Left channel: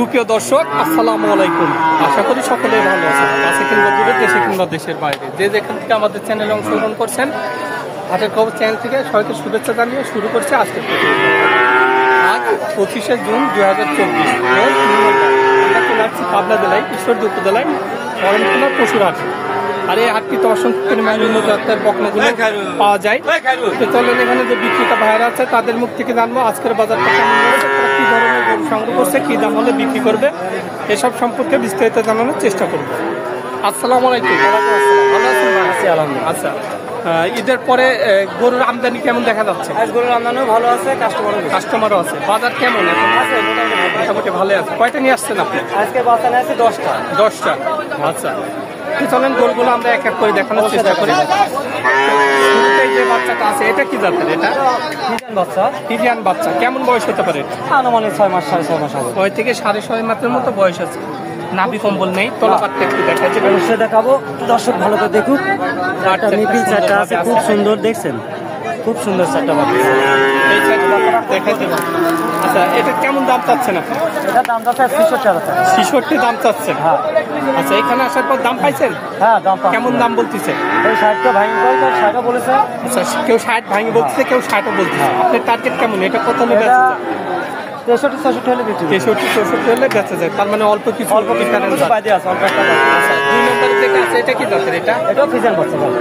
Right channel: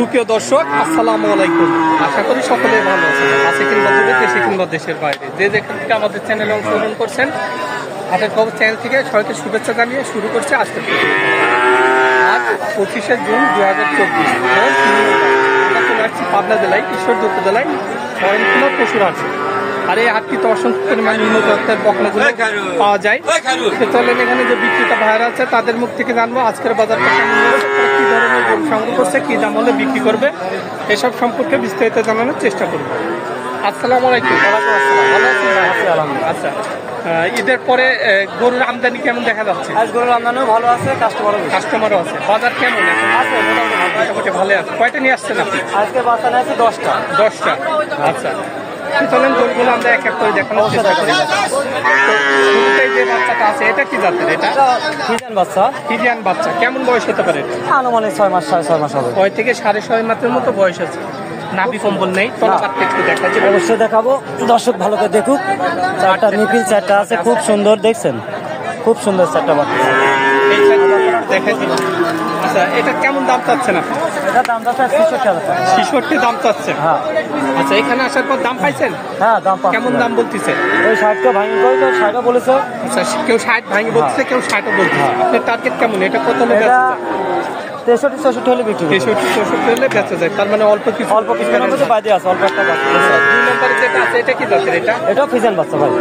সুপ্রিয় দর্শক, আসসালামু আলাইকুম। আশা করি সকলে ভালো আছেন। আছে কিংবা দূরে, দেশে কিংবা দেশের বাইরে, যে যেখান থেকে আমাদের চ্যানেলে অংশগ্রহণ করছেন, হাতের খবর চ্যানেল থেকে সবাইকে শুভেচ্ছা জানিয়ে শুরু করছে আজকের প্রতিবেদন। আজ 25শে জুন 2024, আমরা চলে আসছি পাবনা জেলায় ঈশ্বরদী উপজেলায় শরণখোলা পশুর হাট। আর এই হাটটিতে অসংখ্য পরিমাণ উন্নত জাতের বকনাগুলো পাওয়া যায়। চলেন এখানে যে বিক্রেতা ভাইয়েরা আছে তাদের মুখ থেকে জানবো আজকের বাজারটা কেমন যাচ্ছে, তারা কি ধরনের গরু সংগ্রহ করছে, কি দাম হলে বিক্রি করবে, এসব সম্পর্কে বিস্তারিত জানানোর চেষ্টা করবো। আসসালামু আলাইকুম। ভালো আছেন ভাই? আলহামদুলিল্লাহ। আচ্ছা, ঈদের পরে গরুর আমদানি কেমন দেখা যাচ্ছে? আজ গরুর আমদানিও ভালো আছে, কাস্টমারও আছে। বাজার কেমন এখন আছে? মোটামুটি ভালো আছে। কয়টা নিয়ে আসছেন আপনি? আজকে বাচ্চা নিয়েছি 10টা। আচ্ছা, চলেন গরুগুলো আমরা এক এক করে দেখানোর চেষ্টা করি। শুরুতেই যে বাচ্চাটা আছে এটা কি জাতের? এটা ফিজিয়ান বাচ্চা। কেমন বয়স হতে পারে এটা? আনুমানিক 6 মাস 6.5 মাস হবে। 6 থেকে 6.5 মাসের মতো বয়স আছে। নাভি কম্বল নেই, তলাপাতটা একটু দেখা যাবে। অবশ্যই দেখাবো, দর্শক ভালো করে দেখুক। চারটা নিপিল চারটা আছে, খুব সুন্দর, দেখছেন খুব সুন্দর চারটা বাচ্চা দেখা যাবে। আচ্ছা, এটা কেমন দাম চাচ্ছেন আপনি? এটা দাম চাচ্ছে 66,000 টাকা। 66 দাম চাচ্ছেন? হ্যাঁ। আচ্ছা, এখানে আসার পর দাম পাইছেন? হ্যাঁ, দাম কেমন দাম বলতেছে? ওই 60টা ভাঙি করে 60টা বলেছে। আচ্ছা, কেউ 60 ভাঙি বলতেছে, কেউ 60ও বলতেছে। আপনার টার্গেট কেমন? এটা কত হলে বেচা যায়? 63-64 হলে বিক্রি। 63-64 হলে বেচা যায়। তার মানে অল্প কিছু বাইরে আছে, অল্প একটা। আচ্ছা, 2 নম্বরে যেটা আছে এটা কি জাতের? এটা ফিজিয়ান বাচ্চা ভাই।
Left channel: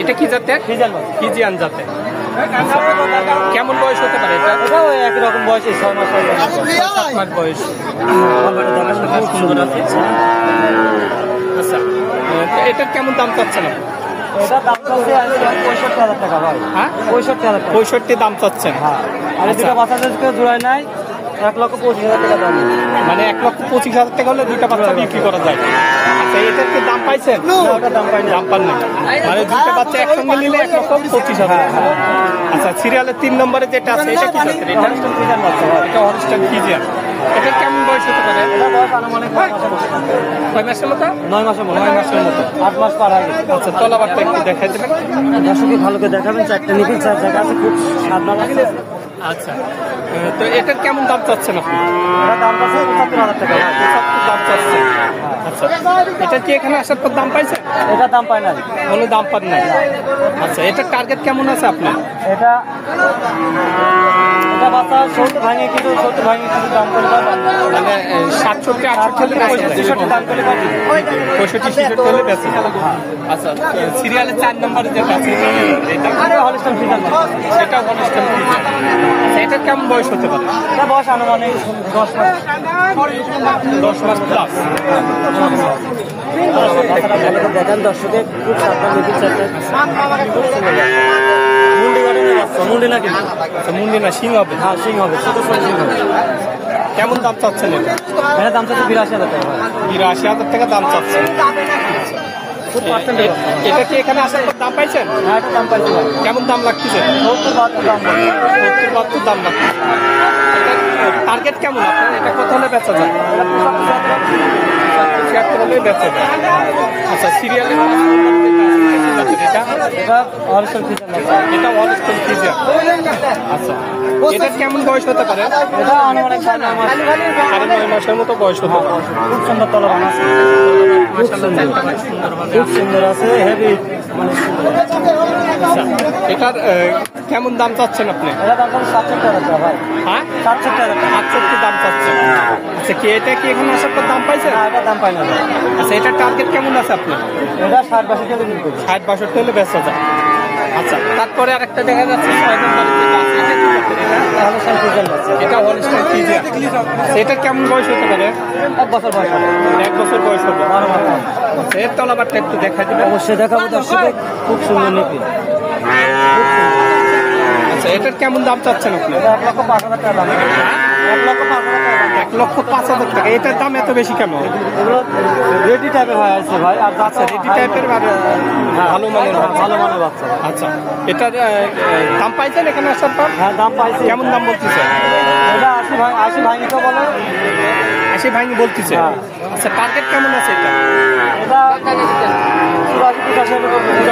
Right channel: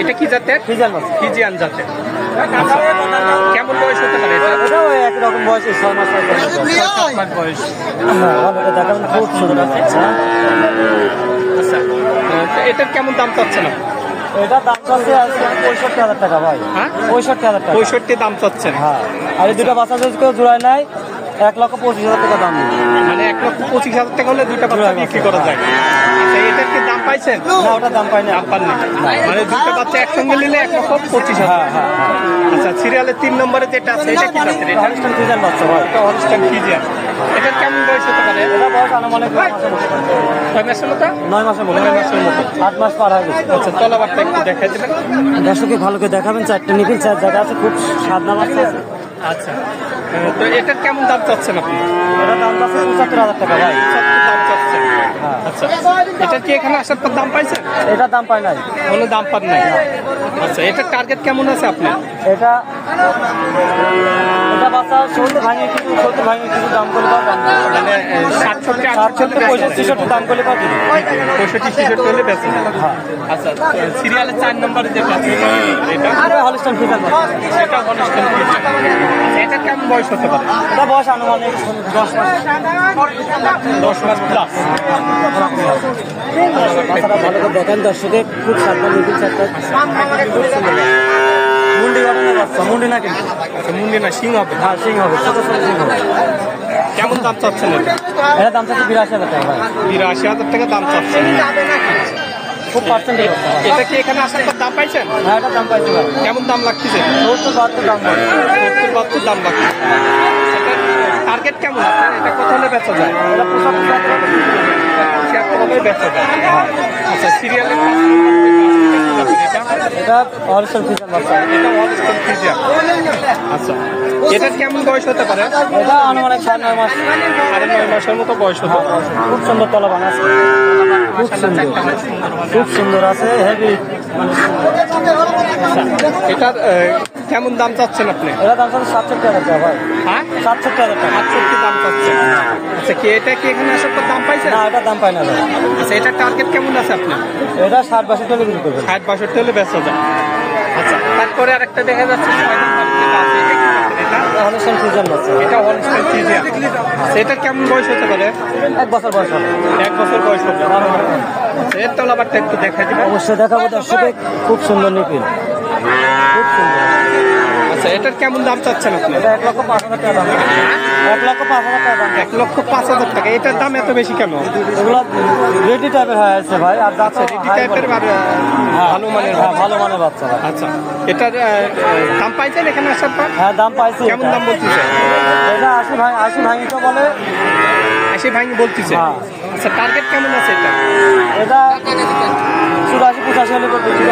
এটা কি জাতের? ফিজিয়ান বাচ্চা। ফিজিয়ান জাতের। আচ্ছা, কেমন বয়স হতে পারে এটা? এটা ওই একই রকম বয়স, 6 মাস 7 মাস বয়স। খুব সুন্দর আছে। আচ্ছা, এটার কেমন দাম চাচ্ছেন আপনি? এটা দাম চাচ্ছে 65,000 টাকা ভাই। হ্যাঁ, 65,000 টাকা। 65 দাম চাচ্ছেন? হ্যাঁ। আর দুটা বাচ্চা যদি কেউ জোড়ায় নাই 1,25,000 টাকা দাম নেই। মানে 1,25,000 টাকা হলে দুইটা বাচ্চা বিক্রি করা যায়। আচ্ছা, এটার কি দাম পাইছেন? দাম পান নাই। মানে দুইটা বাচ্চা একসঙ্গে নিলে 1,25,000। আচ্ছা, সিরিয়ালের 3 নম্বরে যেটা আছে এটা কি জাতের? এটা ফিজিয়ান বাচ্চা ভাই। এটা হলস্টাইন ফিজিয়ান। এটার কেমন বয়স হতে পারে? কয় মাসের মতো? 9 মাসের মতো। 9 মাসের মতো। 8 মাস পার হয়ে গেছে। আচ্ছা, তলাবারটা একটু দেখাই দেবেন। দর্শকই ভালো করে দেখাবেন। চারটে নিপিল, 4 জায়গা আছে, খুব সাদা বাচ্চা আছে। আচ্ছা, তো এটার কেমন দাম চাচ্ছেন আপনি? এটা দাম আছে 75,000 টাকা ভাই। 70 দাম চাচ্ছেন? আচ্ছা, এটা কি এখানে আসার পর দাম পাইছেন? এটা দাম পাই নাই, কোনো দাম পান নাই। আচ্ছা, এটার টার্গেট কেমন আছে আপনার? এটা বাচ্চা 70 ভাঙে কিছু, 70 ভাঙে কিছু দাম করে পাবেন। মানে 67-68 দাম করে পাবেন। 65-66 হলে বেচা যায়। আচ্ছা, সিরিয়ালে 4 নম্বরে যেটা আছে এটা হলস্টাইন ফিজিয়ান বাচ্চা। এটা হলস্টাইন ফিজিয়ান। আচ্ছা, এটার কেমন বয়স হতে পারে? এটা বয়স আনুমানিক 10 মাস প্লাস। বাচ্চাটা ভালো করে দেখান দর্শকে, খুব সাবধান নিপিল চারটা। মুন্ডি ঘটনা বাচ্চা, মুন্ডি না কিন্তু। আচ্ছা, মুন্ডি না, সিং হবে? হ্যাঁ, সিং হবে, ছোট ছোট সিং হবে। কেমন দাম চাচ্ছেন এটা? এটা দাম চাচ্ছে 82,000 টাকা। 82,000 টাকা দাম চাচ্ছেন। এটা কি এখানে আসার পর দাম পাইছেন? হ্যাঁ, এটা দাম পাইছি ভাই। কেমন দাম লাগতেছে? 70-72 দাম। 70-72 দাম লাগছে। টার্গেট কেমন আপনার? এটা কত হলে বেচা যায়? 75 হলে বেচা যায়। আচ্ছা, সিরিয়ালে এটা হলস্টাইন ফিজিয়ান বাচ্চা। এটা হলস্টাইন ফিজিয়ান। আচ্ছা, এটার কেমন বয়স হতে পারে? এটা আনুমানিক 9 মাস। 9.5 মাসের মতো বয়স হতে পারে। খুব সুন্দর তলাবান আছে, খুব সুন্দর আছে, হেভি। আচ্ছা, এটার কেমন দাম চাচ্ছেন আপনি? এটা দাম চাচ্ছে 67,000 টাকা ভাই। হ্যাঁ, 67,000 টাকা। 68 দাম চাচ্ছেন। আচ্ছা, কি এটা কি এখানে আসার পর দাম পাইছেন? এটা দাম পাই না ভাই। আচ্ছা, এটার টার্গেট কেমন আছে আপনার? এটা 60-62 টাকা বিক্রি করবে। 60-62 হলে বেচা যায়। আচ্ছা, তারপরে আরেকটা দেখা যাচ্ছে 6 নম্বর যেটা আছে এটা কি জাতের? এটা হলস্টাইন ফিজিয়ান বাচ্চা। এটা হলস্টাইন ফিজিয়ান। এটা কেমন বয়স হতে পারে? 1 বছর বয়স হবে। 1 বছর বয়স হতে পারে। আচ্ছা, এর তলাবারটা একটু দেখাই দিবেন। অবশ্যই দেখাবো দর্শকে, খুব সুন্দর নিপিল, খুব সুন্দর। আচ্ছা, এটার কেমন দাম চাচ্ছেন আপনি? এটা 1,05,000 টাকা দাম। 1,05,000 টাকা দাম। 1,05,000 টাকা। এটার দাম এত বেশি কেন? এগুলো রেডি টাইপের হয়ে আছে ভাই। আর আচ্ছা, রেডি টাইপের আর ভালো মানের বাচ্চা। ভালো মানের বাচ্চা। আচ্ছা, এটার দাম পাইছেন এখানে আসার পর? হ্যাঁ, দাম পাইছে। কেমন দাম বলতেছে? এটা 80 ভাই তো বলে। 80 ভাঙি বলতেছে। আচ্ছা, টার্গেট কেমন আছে এটা? এটা 80-85 হলে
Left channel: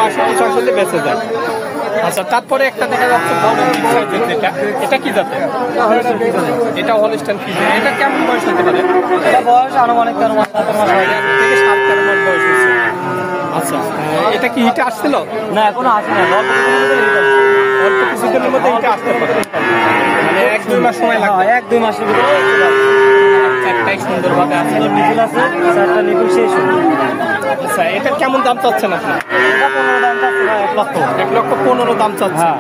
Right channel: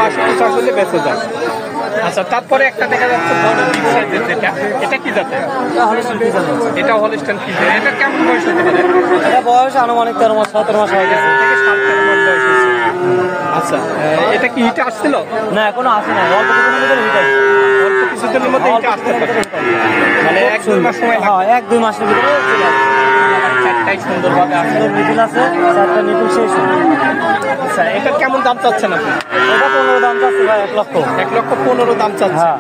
80-85 হলে বেচা যায়। আচ্ছা, তারপরে একটা দেখা যাচ্ছে বড় বিগ সাইজের যেটা, এটা কি জাতের? এটা হলস্টাইন ফ্রিজিয়ান। এটা কেমন বয়স হতে পারে? বয়স আনুমানিক 13 মাস 17 মাস হয়ে গেছে। থেকে 7-13 মাস বয়স হয়েছে। আচ্ছা, এটা কি হিটে আসছিল? না এখনো আসে না, অল্প কিছুদিনের মধ্যে হিটে আসতে পারে, মানে 1-2 মাস সময় লাগবে। 1-2 মাসের ভিতরে একটাই সুন্দরভাবে আসছে। নিপিল আছে, 4টা নিপিল শেষ হয়েছে। আচ্ছা, এটার কেমন দাম চাচ্ছেন আপনি? এটা 15 দাম চাচ্ছে ভাই, 1 লক্ষ। 1,15,000 দাম চাচ্ছে। হ্যাঁ।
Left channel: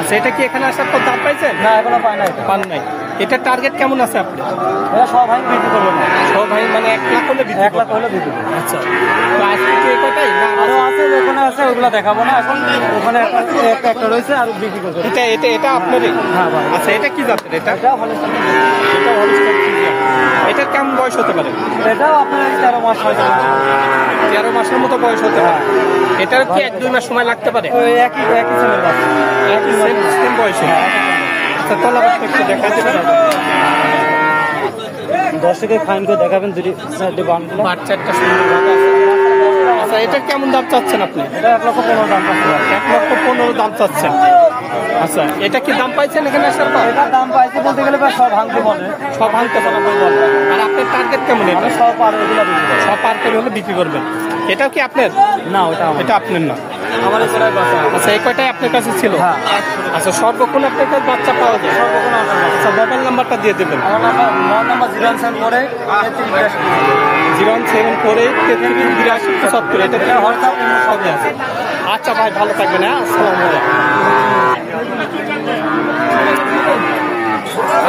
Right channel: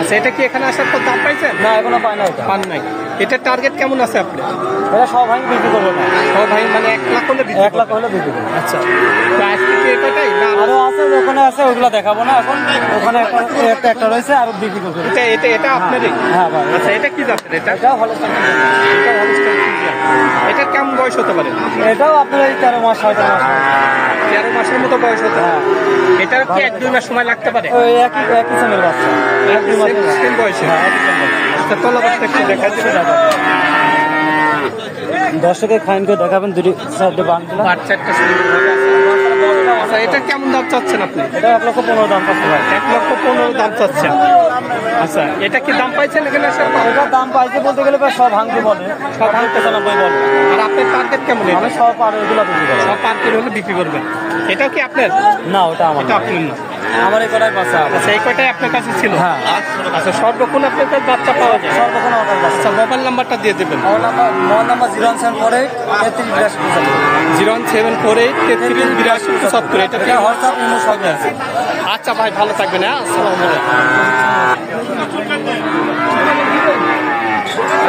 আচ্ছা, এটা কি এখানে আসার পর দাম পাইছেন? না এখনো পায় না এটা। পান নাই। এটার টার্গেট কেমন আছে আপনি? এটা সব ভাই বিক্রি করবে না, সব ভাই মানে 1 লাখ হলে বিক্রি 1 লাখ করবেন? হলে বিক্রি করবে। আচ্ছা, তো আজকে কি এই কয়টাই না আরো? আরো আছে, ওখানে আছে, ওগুলো দেখাবো না এখন। ওখানে একটা রয়েছে আর বিক্রি করবে। এটা আপনারই? হ্যাঁ ভাই। আচ্ছা, এটা কি জাতের? এটা এটা হলে এটা হলস্টাইন ফ্রিজিয়ান। এটার কেমন বয়স হতে পারে? এটাও আপনার 13 মাস হয়। 13 মাসের মতো বয়স হতে পারে। এটার কি 1-2 মাস সময় লাগতে পারে? ওই একই ছেলের বাচ্চা, সেম বয়সে। আচ্ছা, তলাবারটা একটু দেখা দিবেন। দর্শকের ফাইন করে দেখাবেন, 2-4টে বান্ডেল। বাচ্চাটা সুন্দরভাবে আছে। আচ্ছা, এটার কেমন দাম চাচ্ছেন আপনি? এটা 1,15,000 দাম পাচ্ছে ভাই। 1,15,000 দাম চাচ্ছেন। আচ্ছা, এটা কি দাম পাইছেন এখানে আসার পর? এটার দাম পাইছে বলতে গেলে প্রায় সব ভাঙতে বলে, সব হালকা চালান বলবেন। আর আপনার টার্গেট কেমন? আমি সব পার এগুলো বিক্রি করি। সব পার করে হলে বিক্রি করবেন। এটা কি আপনার? না ওটা আমার এটা আপনার না। আমার এখানে বাচ্চা। আচ্ছা, এই কয়টাই আপনার কাছে ছিল? হ্যাঁ। আচ্ছা, সর্বক্ষণ আপনার কাছে বাচ্চা পাওয়া যায়? সর্বক্ষণ আমার কাছে। আচ্ছা, মোবাইল নাম্বারটা দিয়ে দেবেন। আমার নাম্বার 074 01748338275। এটা দিয়ে হোয়াটসঅ্যাপ ইমো সবই আছে। আচ্ছা ভাই, ভালো থাকবেন। হ্যাঁ, আসসালামু আলাইকুম।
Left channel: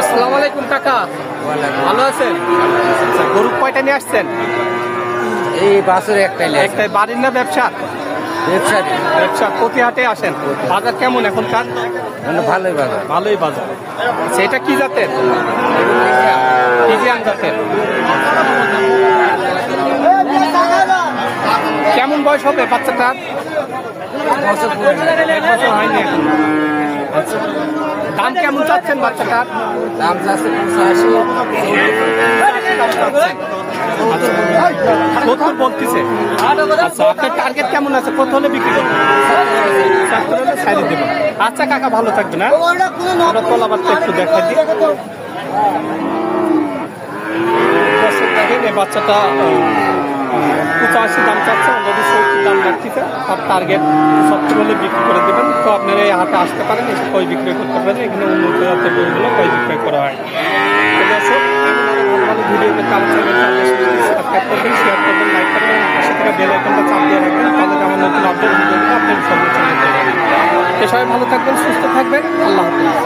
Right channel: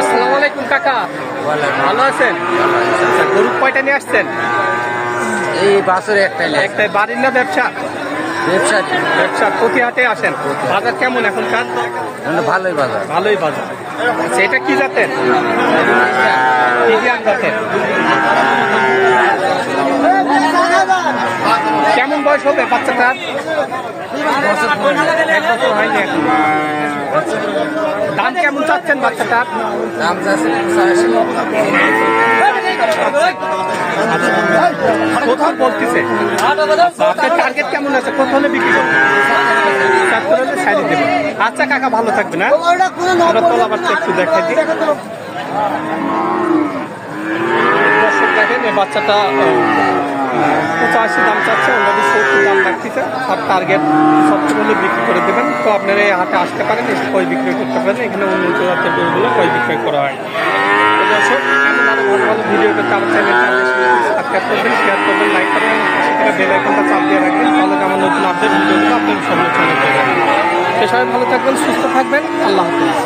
আসসালামু আলাইকুম কাকা, ভালো আছেন? আচ্ছা, গরু কয়টা নিয়ে আসছেন? এই বাসের একটাই একটাই। বাড়ির না ব্যবসা? ব্যবসা ব্যবসা। প্রতি হাটে আসেন? বাজার কেমন এখনকার? ভালোই বাজার। ভালোই বাজার। আচ্ছা, এটা কি জাতের? ফ্রিজিয়ান জাতের। কেমন বয়স হবে বাচ্চাটার? 1 বছর হয়নি এখন। আচ্ছা, দাম কেমন চাচ্ছেন বাচ্চাটার? দাম চাচ্ছে 85। আচ্ছা, কত বলতেছে? আচ্ছা, আপনার টার্গেট কেমন আছে? কত হলে বিক্রি করবেন? 70 হলে সাইড দেবেন। আচ্ছা কাকা, ভালো থাকবেন। হ্যাঁ, আমরা তলাবারটা একটু দেখাই দিই। দর্শক দেখেন, এই বাচ্চাটা 85 দাম চাচ্ছে, অলরেডি 70 দাম রাখতেছে। আর টার্গেট 70 হলে বিক্রি করে দেবেন। তো আপনারা এই হাটে আসতে পারেন, এসে কয় বিক্রয় করতে পারেন। এখানে উন্নত জাতের গরুগুলো কয় বিক্রয় করা হয়। তো দর্শক, এমন আরো ভালো ভালো ভিডিও পেতে আমার চ্যানেলটা সাবস্ক্রাইব করবেন, শেয়ার করবেন, লাইক করবেন, পাশে থেকে বেল আইকনটা চাপ দিয়ে রাখবেন। তাহলে আমার নতুন আপডেট ভিডিওগুলো আপনাদের সঙ্গে চ্যানেল পেয়ে যাবেন। তো সবাই ভালো থাকবেন, সুস্থ থাকবেন। আল্লাহ হাফেজ।